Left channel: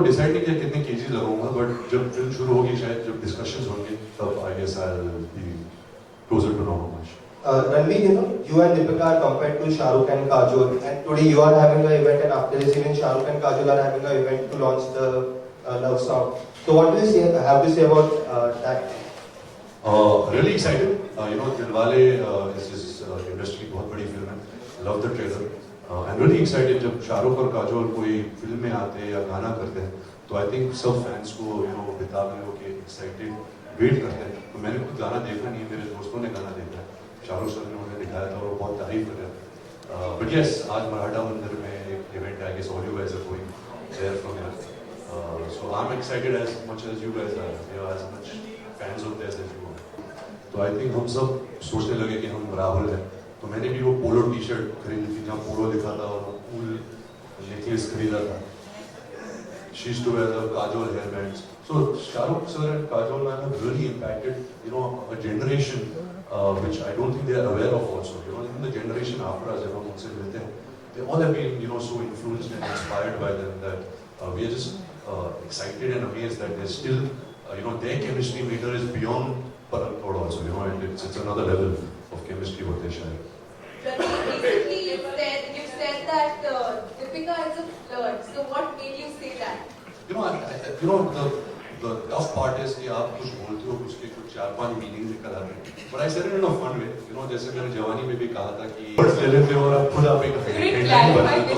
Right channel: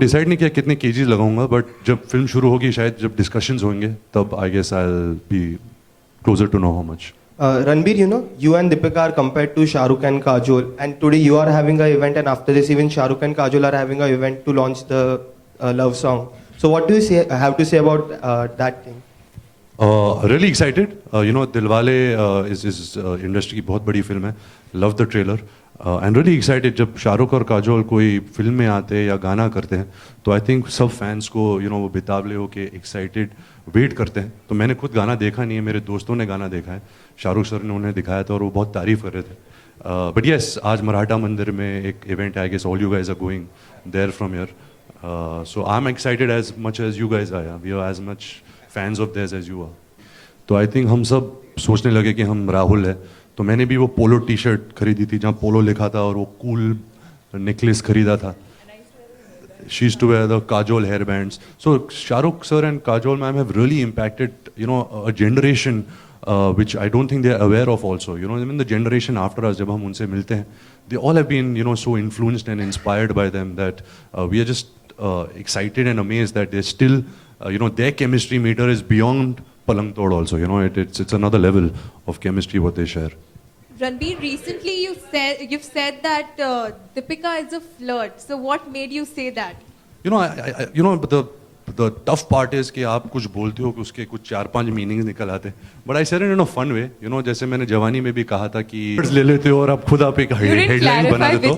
Decide नहीं किया कितने केजीज लगाऊंगा, बट जब फिल्म शुरू होगी, शायद जब डिस्कशंस होंगे, तब I guess I will be closer to know how much. Ranbir, you know, you and Deepika are compared to Shah Rukh and Kajol, and today you are having an event, and after this, even Shah Rukh and Kajol are having an event to launch the love song. So, what do you have to say about that? Really excited. Dilwale is industry की बहुत बड़ी film है. Love the trailer. And really excited जब शाहरुख और काजोल कोई film में आते हैं या गाना करते हैं, तो आई थिंक सब फैंस को वो बेताबले होके एक्साइटेड वेट करते हैं. तो मैंने खुद गाना देखा नहीं है, मेरे दोस्तों ने गाना देखा है. शाहरुख सर ने उन्हें दिखाया था और वो बहुत तारीफ कर रहे थे. बट यस, आज मराठा मंदिर में एक इवेंट है. I guess all you guys are going there from here. So I am excited as much as you guys are. We are as much fans of theirs as you are. तो I think हम सब सोचने लगे कि हम राहुल है. तो मैंने भी वो पोलो टी शर्ट खरीदी थी जहाँ पोलो लिखा था, और वो कूल नेकलेस खरीदा था. She used to wear the Kajol hair bands. So Shahrukh sir and Kajol ma'am have really impacted, a generation which I don't think they are aware of also. Even the generation after us, जब हम उनसे मिलते हैं, they all have been, so influenced and inspired by them that we are just excited and amazed that they're still, their chemistry meter is beyond Palang Tod also. It's another level of chemistry what they share. Ranbir, recently you've said that Deepika is a flirt. So what made you say that? The tough part is कि आप कुछ बोलते हो कि उसके कुछ 4-5 meaning निकल आते हैं. But I said it in a fun way. जैसे मैंने जवानी में भी कहा था कि ले लेते हो और आप खुद आप एक हेडलाइन बना देते हो.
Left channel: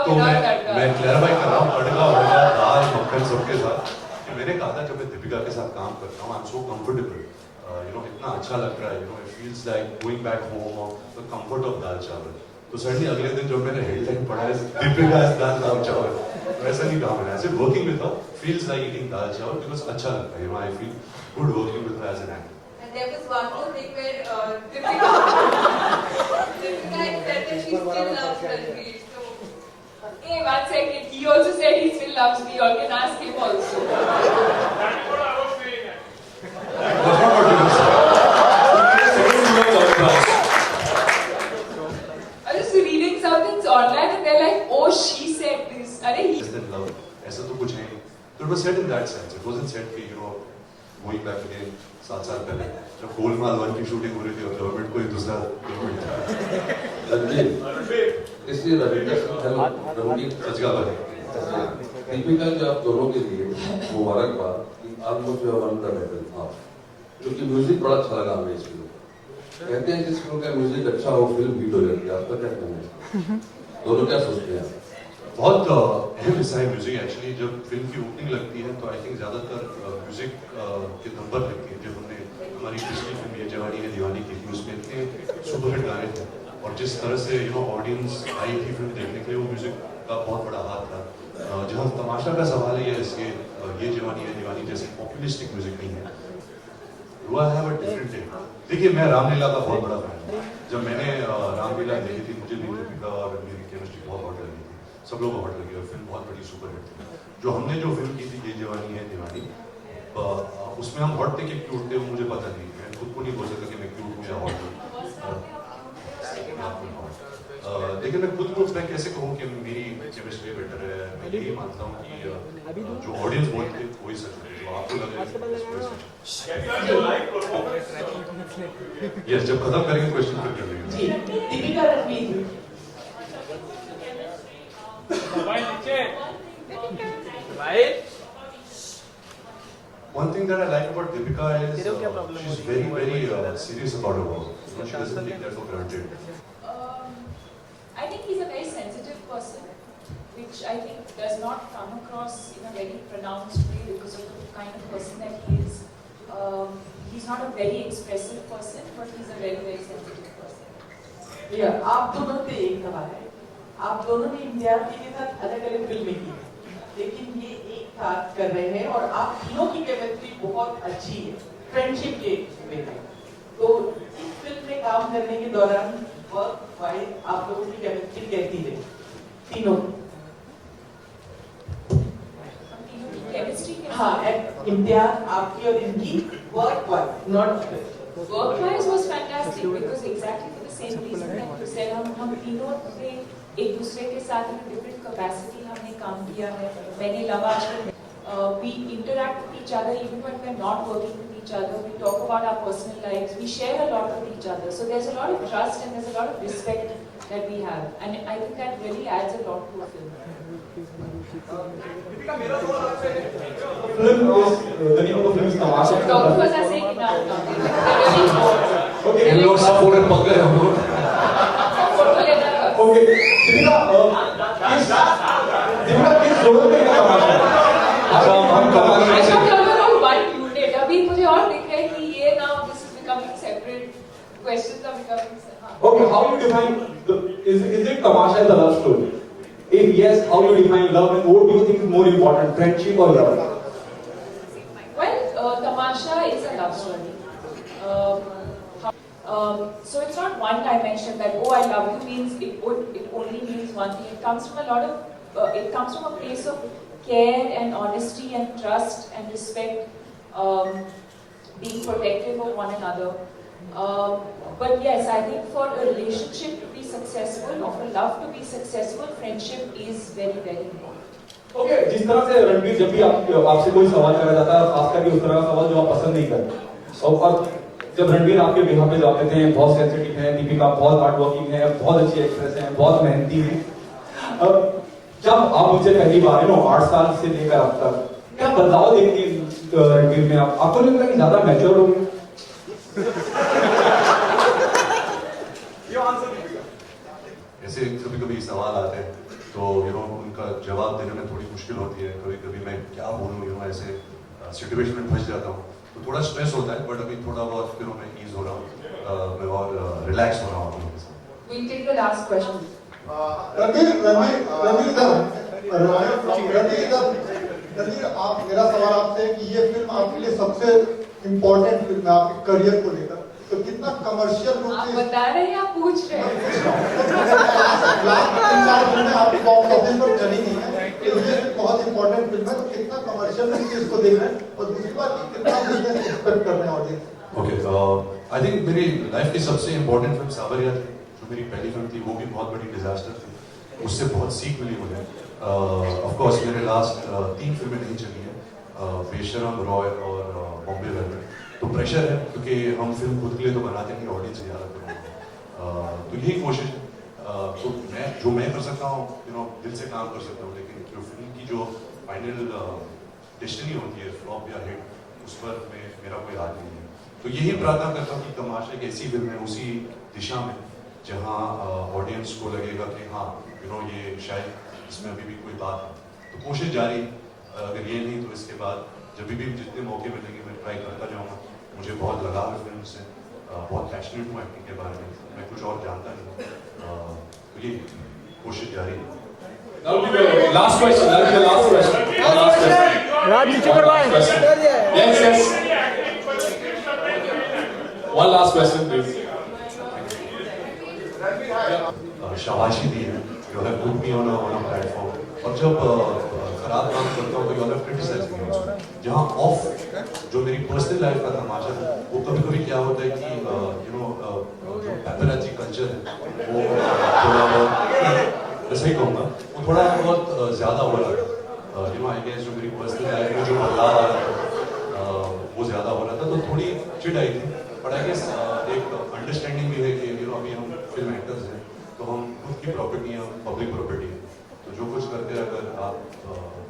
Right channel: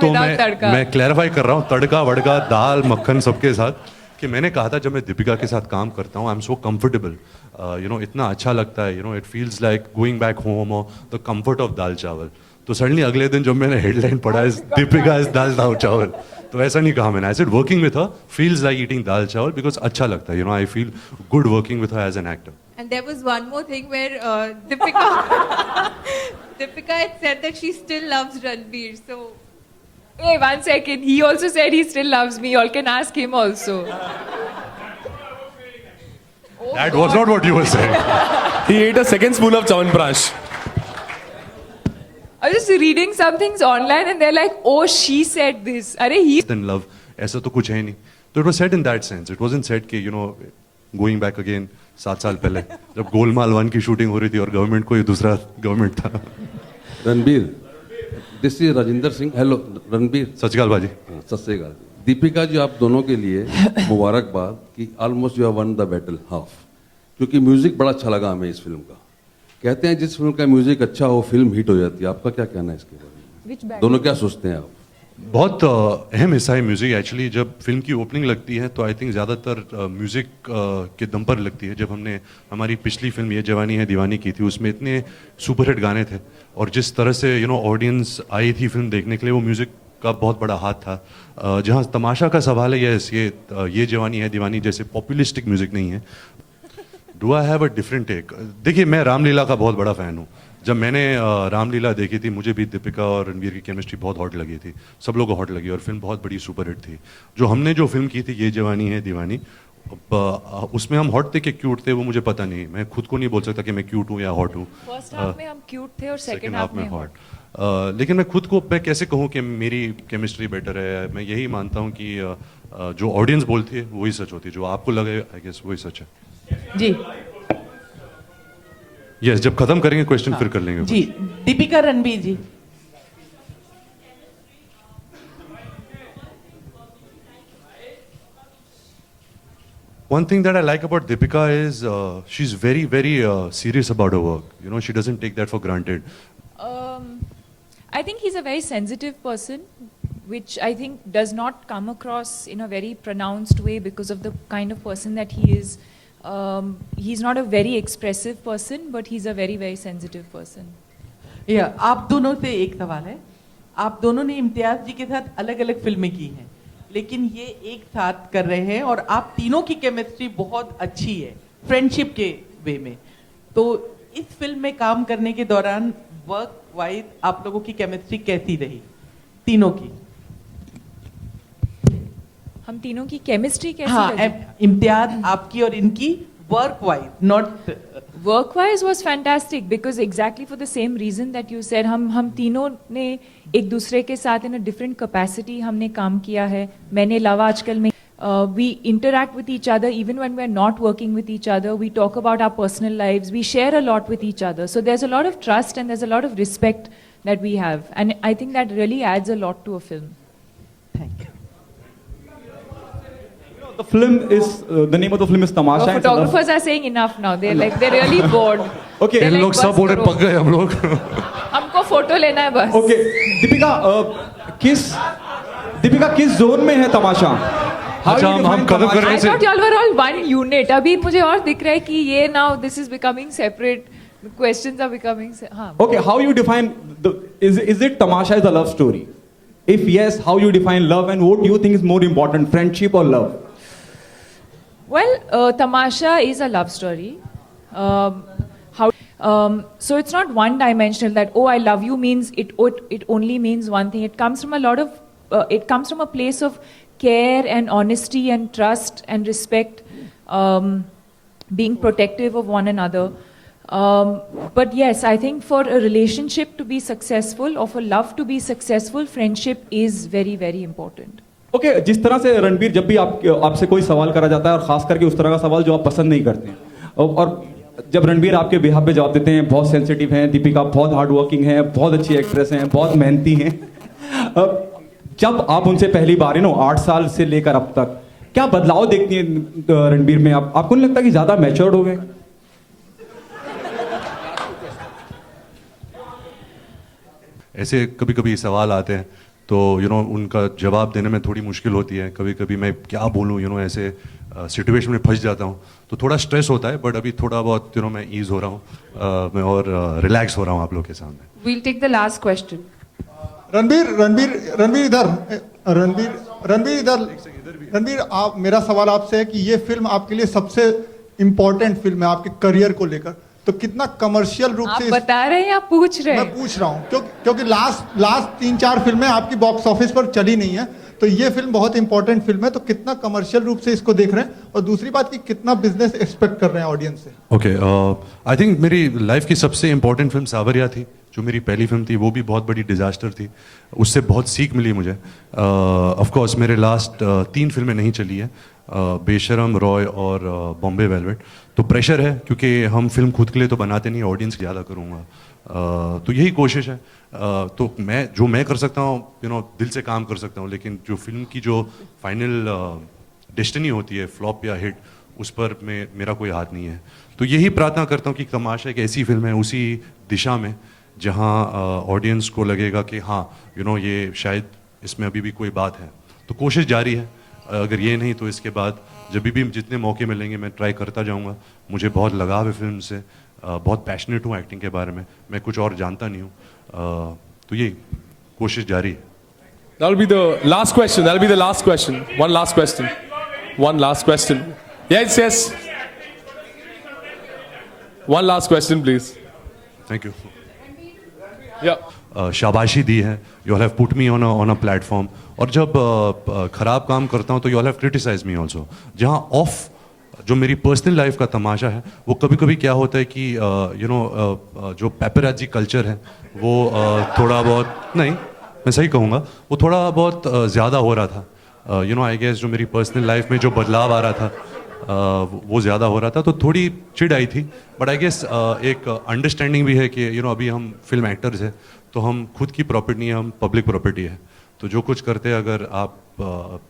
तो मैं क्लैरिफाई कर रहा हूँ, तड़का वड़का दाल मक्खन सबके साथ, कि मैंने कहा था जब मैं दीपिका के साथ काम करता हूँ, आई एम सो कंफर्टेबल. इतना अच्छा लगता है. It feels like going back home और द कंफर्ट ऑफ दाल चावल. तो सडनली अगले दिन जब मैंने हेडलाइन पढ़ा है दीपिका इज दाल चावल, तो ऐसा नहीं कहा मैंने. I said working with her feels like eating dal chawal because अच्छा लगता है. I feel good working with her as an actor. And there was one more thing where Deepika had said that she still loves Ranbir. So hey, 1 second. He also said he still loves me. You all can ask him also. That was not what you were saying. He ate a second spoon of Chyawanprash. I was just reading some things online and they're like, oh, she said this. Arey, he... In love, ऐसा तो कुछ है नहीं. So it was said in that sense. It wasn't said कि going back again 7 साल पहले जब गोलमाल 1 की शूटिंग हो रही थी और गवर्नमेंट कोई दूसरा गवर्नमेंट था. Ranbir, this is Ravinder Singh. Hello Ranbir. सत श्री अकाल भाजी. सत श्री अकाल. दीपिका जी, आप दोनों के लिए मुबारकबाद कि almost you have one the battle half, क्योंकि म्यूजिक बड़ा अच्छा लगा हमें इस फिल्म का. कहते हैं जिस फिल्म का म्यूजिक अच्छा हो फिल्म हिट हो जाती है. आपका क्या कहना है इसका? दोनों क्या सोचते हैं आप? बहुत अहम हिस्सा है म्यूज़िक एक्चुअली. जब फिल्म की ओपनिंग लगती है तो आई थिंक ज़्यादातर म्यूज़िक के दम पर लगती है. जब हमने हमारी पिछली फिल्म ये जवानी है दीवानी की थी, उसमें इतने सुपरहिट गाने थे, और जिस तरह से ऑडियंस आई थी फिल्म देखने के लिए, वो म्यूज़िक का बहुत बड़ा हाथ था. जहाँ तमाशा का सवाल है, ये जवानी है दीवानी जैसे पॉपुलिस्टिक म्यूज़िक नहीं है. Do I have a different take? देखिए, मैं रामलीला का बहुत बड़ा फ़ैन हूँ. जब मैंने रामलीला देखी थी, मुझे भी दीपिका और रणबीर की केमिस्ट्री बहुत हॉट लगी थी. सब लोग को हॉट लगी और फिल्म बहुत बड़ी सुपरहिट थी. जो फिल्म की थी ये जवानी है दीवानी, उसमें हम हॉट थे कि क्यूट थे वो मुझे पता नहीं. मैं खुद को नहीं बोल सकता कि मैं क्यूट हूँ या हॉट हूँ. First half में हम cute थे और second half में हॉट. लेकिन मैं खुद को मैं कैसे कहूँ कि मेरी केमिस्ट्री बेटर है. मैं यही मानता हूँ कि जो ऑडियंस बोलती है वही सच होती है. जो आपको लगे वही सच है. जी यस, जब खत्म करेंगे क्वेश्चन फिर कर लेंगे. जी, दीपिका रणबीर जी. One thing that I like about Deepika is she's very, very serious about her work. She doesn't take that for granted. I think he's a very sensitive person, which I think does not come across in a very pronounced way because of the kind of person that he is. He's not a very expressive person, but he's a very, very sensitive person. आप दोनों से एक सवाल है. आप दोनों ने इम्तियाज जी के साथ अलग अलग फिल्में की हैं, लेकिन ये एक साथ कर रहे हैं और आप तीनों की केमिस्ट्री बहुत अच्छी है फ्रेंडशिप के वे में. तो इस फिल्म में काम करने के दौरान वर्क वाइज आप लोगों की केमिस्ट्री कैसी रही, तीनों की? हम तीनों की केमिस्ट्री कैसी? हाँ, इम्तियाज आपकी और इनकी work wise, not work wise was fantastic because exactly for the same reason that you said, हम तीनों ने एक दूसरे के साथ इन अ डिफरेंट कैपेसिटी हमने काम किया है. मैंने लावा आजकल में we interact with each other even when we're not working with each other. We talk about our personal lives. We share a lot with each other. So there's a lot of trust and there's a lot of respect that we have. And I think that really adds a lot to a film. The film is the name of the film is Tamasha. Our photographers are saying enough now. They're really bored. Okay. They're इन लोग like, सब पूरे पक गए हम लोग. हमको photo लेना है बस. Okay. दीपिका किस जोन में है तमाशा? अच्छा, हम कवर करने I से thought y'all were all one unit. अभी मुझे और दिख रहा है कि ये now this is becoming separate. Questions are becoming हाँ. Okay, how you define is it Tamasha is a love story? If yes, how you define love and what do you think is more important, friendship or love? Well, Tamasha is a love story. So it's not one-dimensional that I love you means it only means one thing. It comes from a lot of it comes from a place of care and honesty and trust and respect, being protective of one another. But yes, I think for a relationship to be successful or for love to be successful, friendship is very, very important. Okay, जिस तरह से रणबीर जब भी आपसे कोई सवाल करा जाता है, खास करके उस तरह का सवाल जो आप पसंद नहीं करते, और जब रणबीर आपके बिहाफ पे जवाब देते हैं, बहुत सेंसिटिव हैं, दीपिका बहुत हार्ड वर्किंग है, बहुत अच्छी एक्ट्रेस हैं, बहुत मेहनती हैं, जब आप उनसे पहली बार 8 साल से लेकर अब तक क्या बदलाव देखती हैं रणबीर में? आपको नहीं लगता कि ज्यादा मैच्योर्ड हो गए? ऐसे कभी कभी सवाल आते हैं तो उनका जवाब देने में थोड़ी मुश्किल होती है. कभी कभी मैं क्या बोलूँ, ऐसे सिचुएशन में फंस जाता हूँ तो थोड़ा स्ट्रेस होता है. बट अभी थोड़ा बहुत मैं ईज हो रहा हूँ, मैं और रिलैक्स हो रहा हूँ आप लोग के सामने. We'll take the last question. Ranbir आप, मेरा सवाल आपसे है कि ये फिल्म आपके लिए सबसे इम्पोर्टेंट फिल्म है आपके करियर को लेकर, तो कितना कमर्शियल रूप आप से बता रहे हैं या पूछ रहे मैं हैं? पूछ रहा हूँ क्योंकि लास्ट 3-4 फिल्में आपकी बॉक्स ऑफिस पर चली नहीं है, तो ये फिल्म बहुत इंपॉर्टेंट फिल्म है, तो कितना कमर्शियल रूप से इसको देख रहे हैं, और दूसरी बात कि कितना बिजनेस एक्सपेक्ट कर रहे हैं ऑडियंस से? ओके, आई थिंक मेरी लाइफ की सबसे इम्पोर्टेंट फिल्म सावरिया थी, जो मेरी पहली फिल्म थी. वो भी बहुत बड़ी डिजास्टर थी, उससे बहुत सीख मिली मुझे. ऑफ कोर्स मेरे लास्ट 3 फिल्में नहीं चली हैं, बेशरम, रॉय और बॉम्बे वेलवेट. तो प्रेशर है क्योंकि हम फिल्म खुद के लिए तो बनाते नहीं, ऑडियंस के ज़्यादा करूँगा. तो यही कोशिश है. तो मैं कर सकता हूँ दिल से काम कर सकता हूँ, लेकिन जो फिल्म की जो फाइनल डेस्टिनी होती है, फ्लॉप या हिट, उस पर मेरा कोई हाथ नहीं है. तो यही प्रार्थना करता हूँ कि तमाशा एक ऐसी फिल्म है उसी दिशा में जहाँ ऑडियंस को लगेगा कि हाँ ये शायद इसमें अभी भी कोई बात है. तो कोशिश जारी है. अगर ये नहीं तो इसके बाद जब भी जितने मौके मिलेंगे मैं ट्राई करता जाऊँगा. मुझे बहुत लगाव है फिल्म से, बहुत पैशनेट हूँ एक्टिंग के बारे में, मैं कुछ और जानता नहीं हूँ. तो ये कोशिश जारी है. That'll be the last question. That'll be the last question. One last question. One last question. Yes, yes. One last question, please. Thank you. Yeah. शाबाशी दी है. You have put me on a platform. और जब खराब काम करता हूँ तो you have criticise me also. जहाँ ऑफ जो मेरी पर्सनल लाइफ का तमाशा है, वो कभी कभी क्या होता है कि जो पेपराजी कल्चर है वो थोड़ा बहुत नहीं, मैं सही कहूँगा, वो थोड़ा बहुत ज़्यादा हो रहा था. आई गेस जो मेरी पर्सनल लाइफ में जो बदलाव आ रहा था वो ज़्यादा हो रहा था, तो थोड़ी चिढ़ आई थी. बट आई गेस एक अंडरस्टैंडिंग भी है कि अभी हम फिल्म एक्टर्स हैं, तो हम खुद की प्रॉपर्टी नहीं है, हम पब्लिक प्रॉपर्टी है. तो जो कुछ करते हैं अगर आप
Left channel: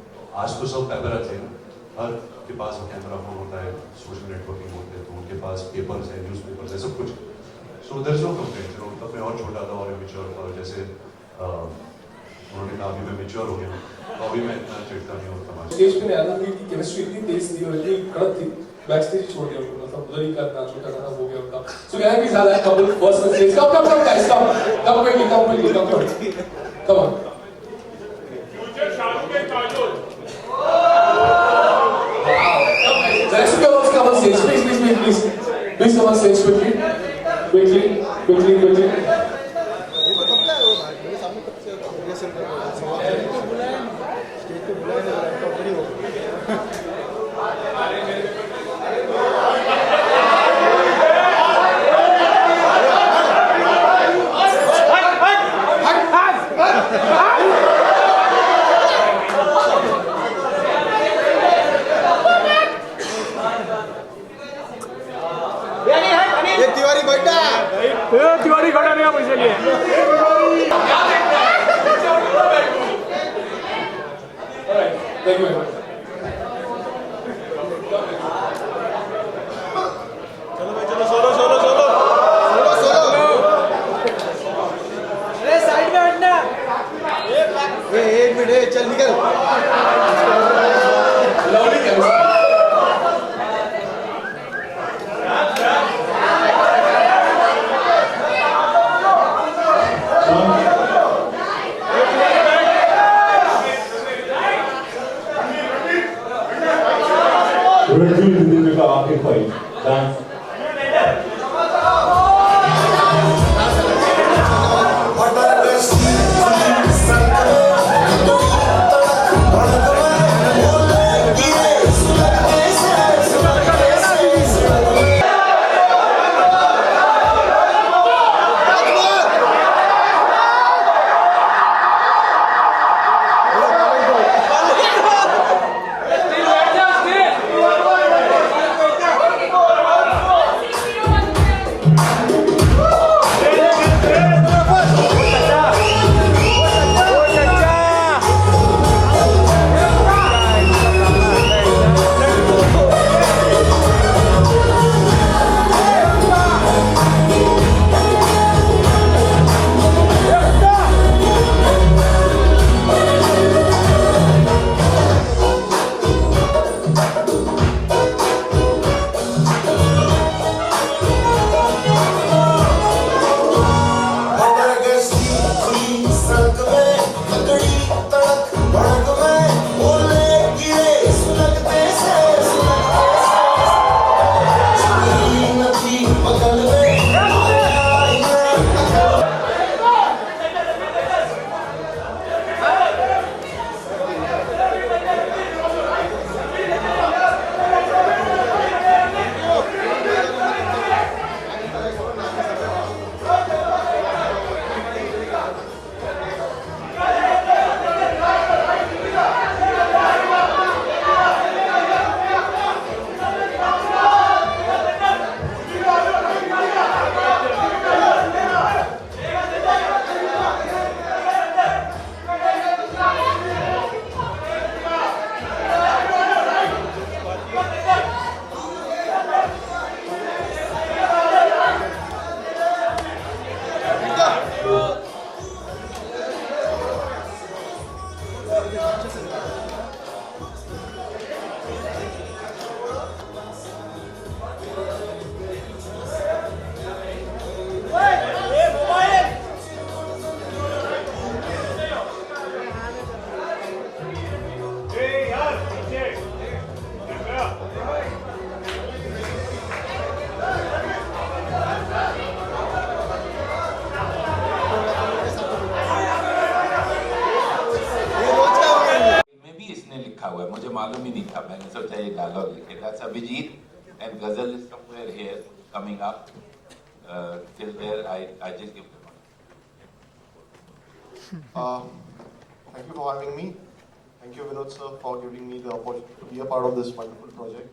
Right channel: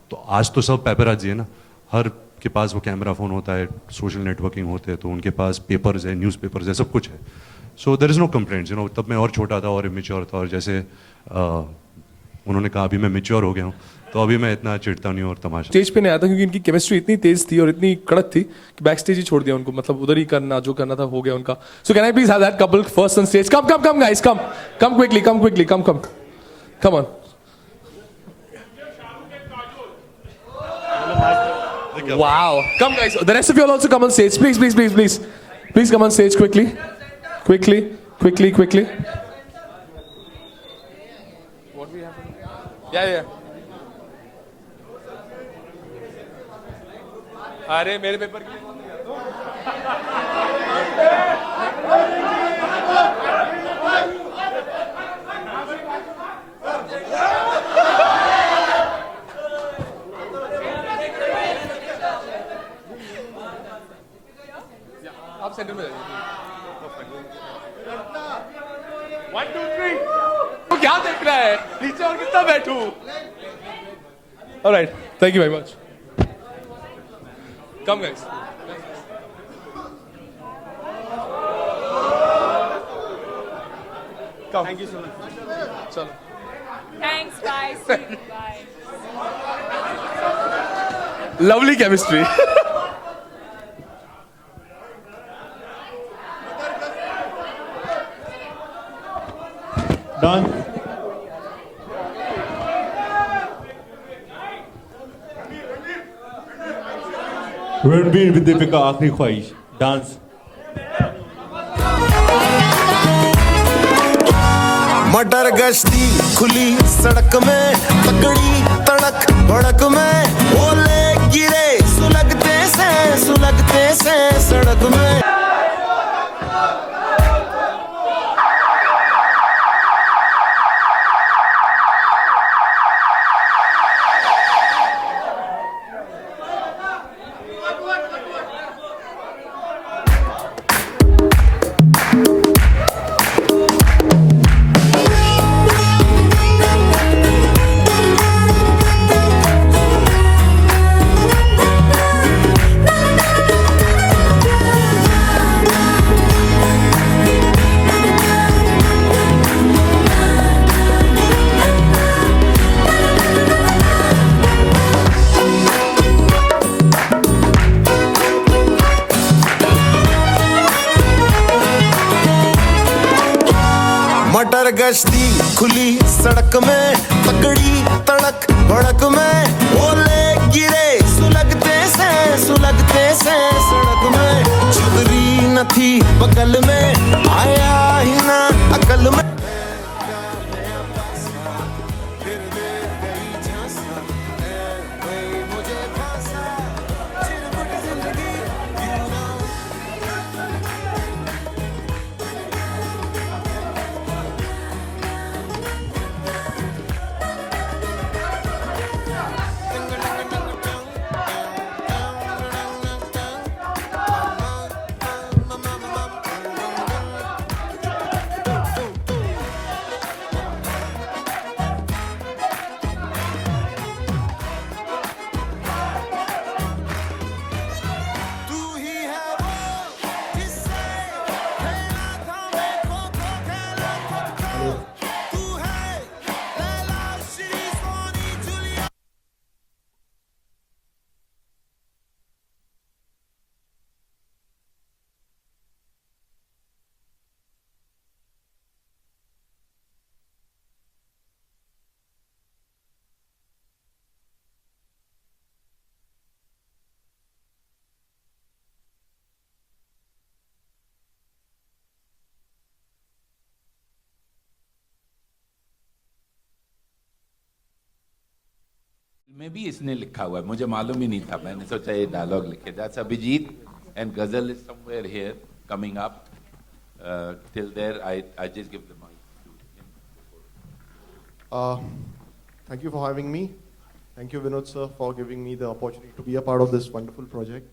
तो आज तो सब पेपराजी है ना, हर के पास वो कैमरा फ़ोन होता है, सोशल नेटवर्किंग होते हैं, तो उनके पास पेपर्स है, न्यूज़पेपर्स है, सब कुछ है. So there is no complaints. तब मैं और छोटा था और इमेच्योर था, और जैसे उन्होंने कहा अभी मैं मेच्योर हो गया हूँ, तो अभी मैं इतना चिढ़ता नहीं हूँ और तमाशा. स्टेज पे नहीं आया था क्योंकि इनकी केमिस्ट्री इतनी तेज थी और इतनी कड़क थी कि बैक स्टेज ही छोड़ दिया उनको. मतलब उधर ही करना जो करना था हो गया उनका. So can I please have that couple first on stage? Come guys, come quickly, come on. Wow. Come guys, the rest of you also come on stage. Please come on stage quickly. Yeah. अरे मेरे All right. Thank you very much. Come guys. Lovely chemistry. Ranbir Deepika आखिरी ख्वाहिश dance मटर गश्ती खुली सड़क में गड़ी तड़क भड़क में बोले गिरे सुलगते से सड़क में मटर गश्ती खुली सड़क में गड़ी तड़क भड़क में बोले गिरे सुलगते से सड़क में छतरी न थी बगल में आया ही ना अकल में में भी इसने लिखा हुआ है, मुझे मालूम ही नहीं था, मैंने सोचा ये डायलॉग लिखे that's Abhijeet and Ghazal is somewhere here coming up till there I just give Thank you for having me. Thank you, Vinod sir, for giving me the opportunity to be a part of this wonderful project.